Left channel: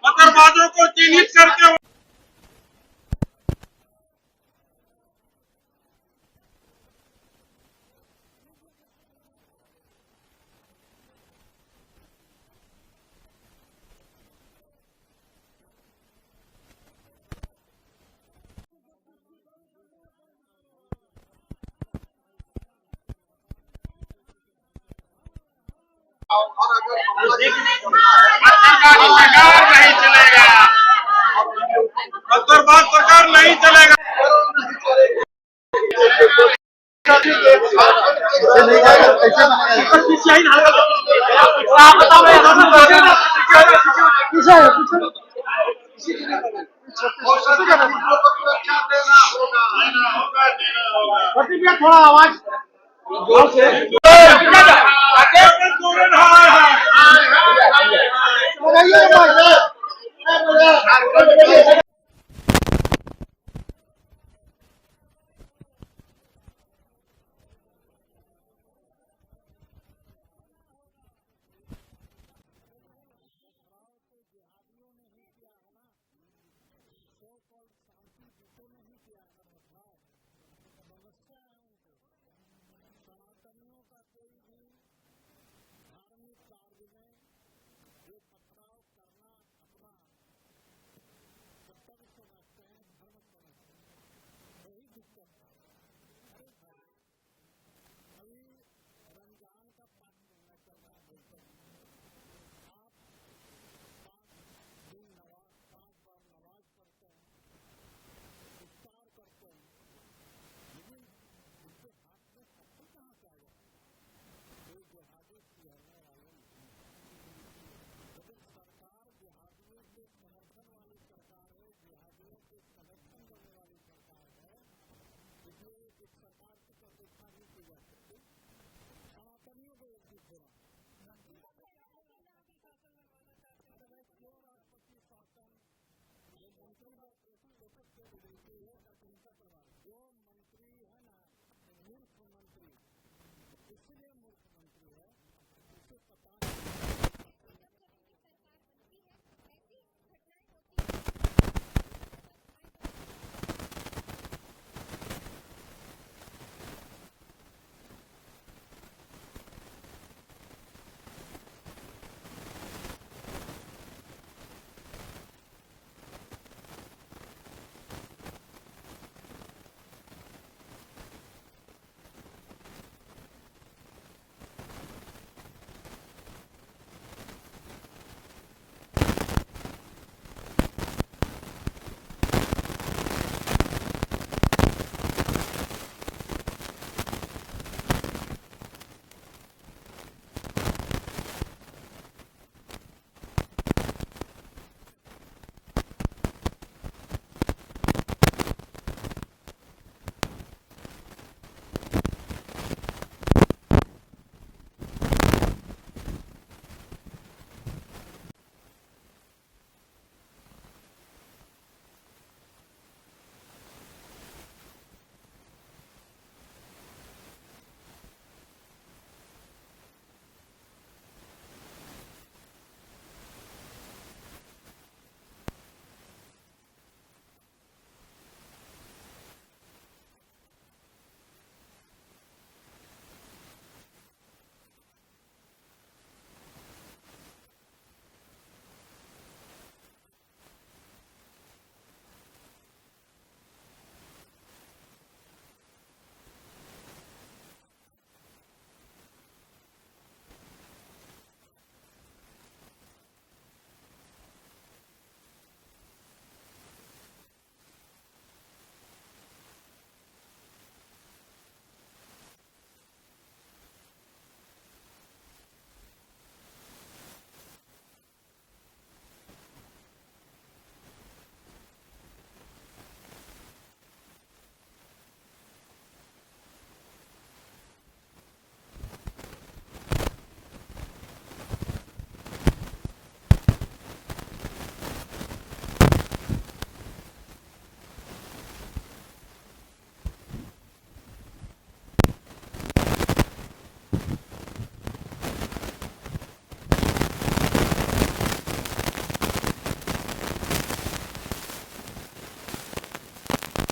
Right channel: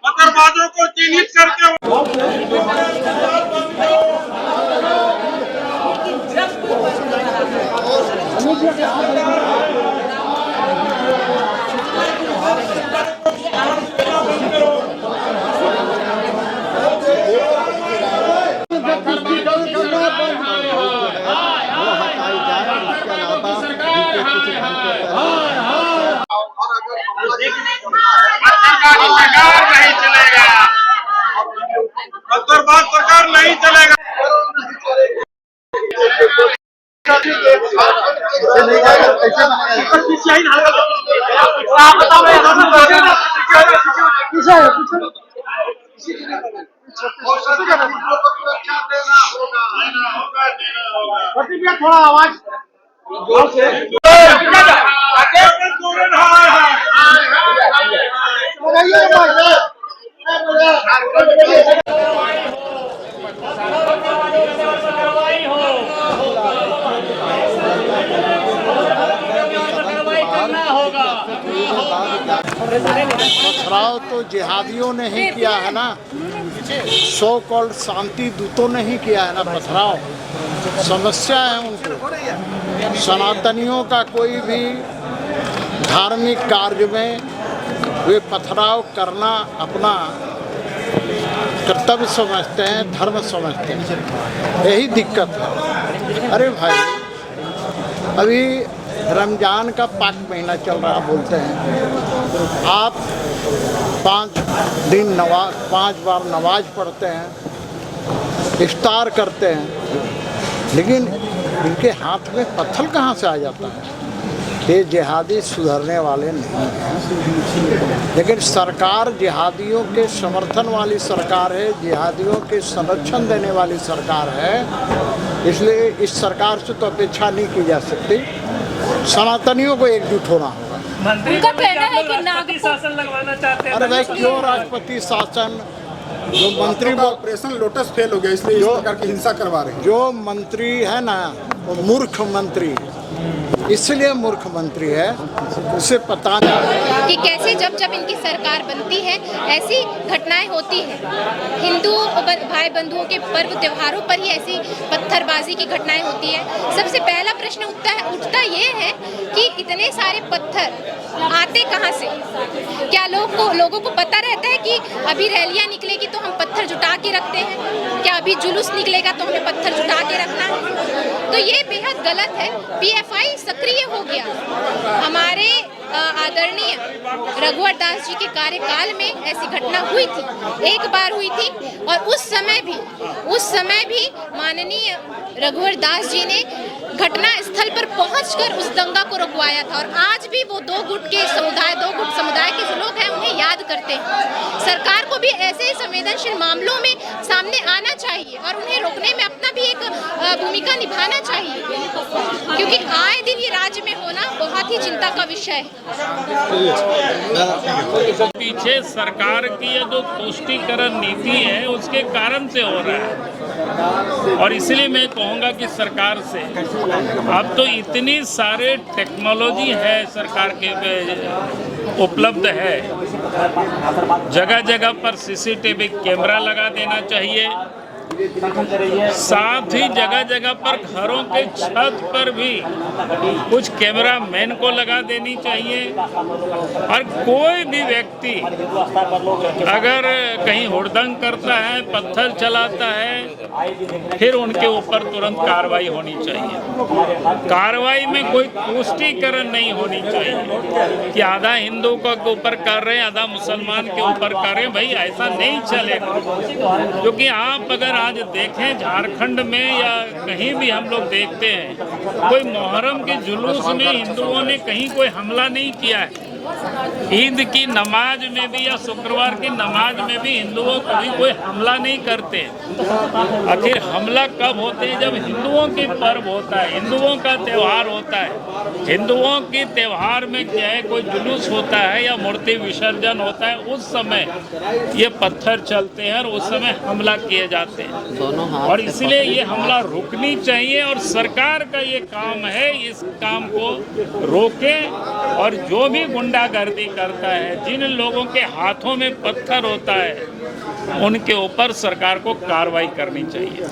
पत्थरबाजों को चिन्हित करके सरकार नहीं चलेगा, पत्थरबाज सरकार नहीं चलेगा। थोड़ा आवाज पथराव तो जिहादियों ने ही किया है ना, सो कॉल्ड शांति दूतों ने ही किया है ना पथराव। समस्या है उनको। सनातनियों का कोई भी धार्मिक कार्य में वे पथराव करना अपना कर्तव्य समझते हैं, धर्म समझते हैं। यही दिक्कत है। अरे भाई, अभी रमजान का पाक महीना चल रहा बोलते हैं, आप 5 बार नमाज पढ़ते हैं, इफ्तार करते हैं, लेकिन इनके हाथ में पत्थर कहाँ से आ जाता है? ये जिहादी सुधरने वाले नहीं हैं। लेकिन सरकार जिहादियों के समर्थन वाली सरकार है, जिहादियों के संरक्षण देने वाली सरकार है, इसलिए इस सरकार से तो अपेक्षा नहीं की जा सकती। सनातनियों को एकजुट होना होगा। उनका कहना है कि राष्ट्रपति शासन लगवाना चाहते हैं। अरे भाई, क्यों राष्ट्रपति शासन? जो मंत्री का ऑपरेशन लोटस फेल हो गया, इसलिए इस प्रकार की हिंसा करवा रहे हैं। जो मंत्री है ना, वो मूर्ख मंत्री, इसलिए मूर्ख मंत्री है, उसे पता नहीं कि कैसे जब जब इनकी सरकार बनती है ऐसी घटनाएं होती हैं। हिंदू भाई बंधुओं के पर्व त्योहारों पर ही ऐसी पत्थरबाजी की घटनाएं होती है। सबसे पहला प्रश्न उठता ये है कि इतने सारे पत्थर आते कहाँ से? क्या लोगों को पता रहता है कि अभी रैलियां निकलेगी तो हम पत्थर जुटा के रखते हैं? क्या अभी जुलूस निकलेगा तो हमें पत्थर जुटा के रखना है? तो ये बेहद गलत है। पीएफआई सक्रिय हो गया। हमारे आदरणीय रघुवर दास जी के कार्यकाल में ऐसी घटना हुई थी, एक बार हुई थी, और उस समय भी माननीय रघुवर दास जी ने घटना स्थल पर पहुंचकर उस दंगा को रुकवाया था। और आज भी वो दो गुट समुदाय के जो लोग हैं उन्हें याद करते हैं। सरकार को भी ऐसे ही संवेदनशील मामलों में सामने आना चाहिए और उन्हें रोकने में अपना भी एक भूमिका निभाना चाहिए, क्योंकि आए दिन ये राज्य में होना बहुत ही चिंता का विषय है। पीछे सरकार की ये जो तुष्टीकरण नीति है उसके कारण से हो रहा है। और इसलिए मैं कहूँगा कि सरकार से अब तो इतनी सारे टेक्नोलॉजी है सरकार के उपलब्ध है, जगह जगह पर सीसीटीवी कैमरा लगा देना चाहिए। साथ ही जगह जगह पर घरों के छत पर भी कुछ कैमरा मैन को लगा देनी चाहिए। और कोई भी व्यक्ति अगर कहीं हुड़दंग करता है, पत्थर चलाता है, फिर उनके ऊपर तुरंत कार्रवाई होनी चाहिए। कार्रवाई में कोई तुष्टीकरण नहीं होनी चाहिए कि आधा हिंदू के ऊपर कर रहे हैं, आधा मुसलमान के ऊपर कर रहे हैं। भाई, ऐसा नहीं चलेगा। क्योंकि आप अगर आज देखें झारखंड में या कहीं भी हम लोग देखते हैं, कोई मुहर्रम के जुलूस में हिंदुओं ने कहीं कोई हमला नहीं किया है। ईद की नमाज में भी या शुक्रवार की नमाज में भी हिंदुओं कभी कोई हमला नहीं करते। आखिर हमला कब होते हैं? जब हिंदुओं के पर्व होता है, हिंदुओं का त्यौहार होता है। हिंदुओं के त्यौहार में क्या है, कोई जुलूस होता है या मूर्ति विसर्जन होता है, उस समय ये पत्थर चलते हैं और उस समय हमला किए जाते हैं। और इसलिए ये हमला रुकनी चाहिए और सरकार का ये काम है इस काम को रोके और जो भी गुंडागर्दी करता है, जिन लोगों के हाथों में पत्थर होता है, उनके ऊपर सरकार को कार्रवाई करनी चाहिए।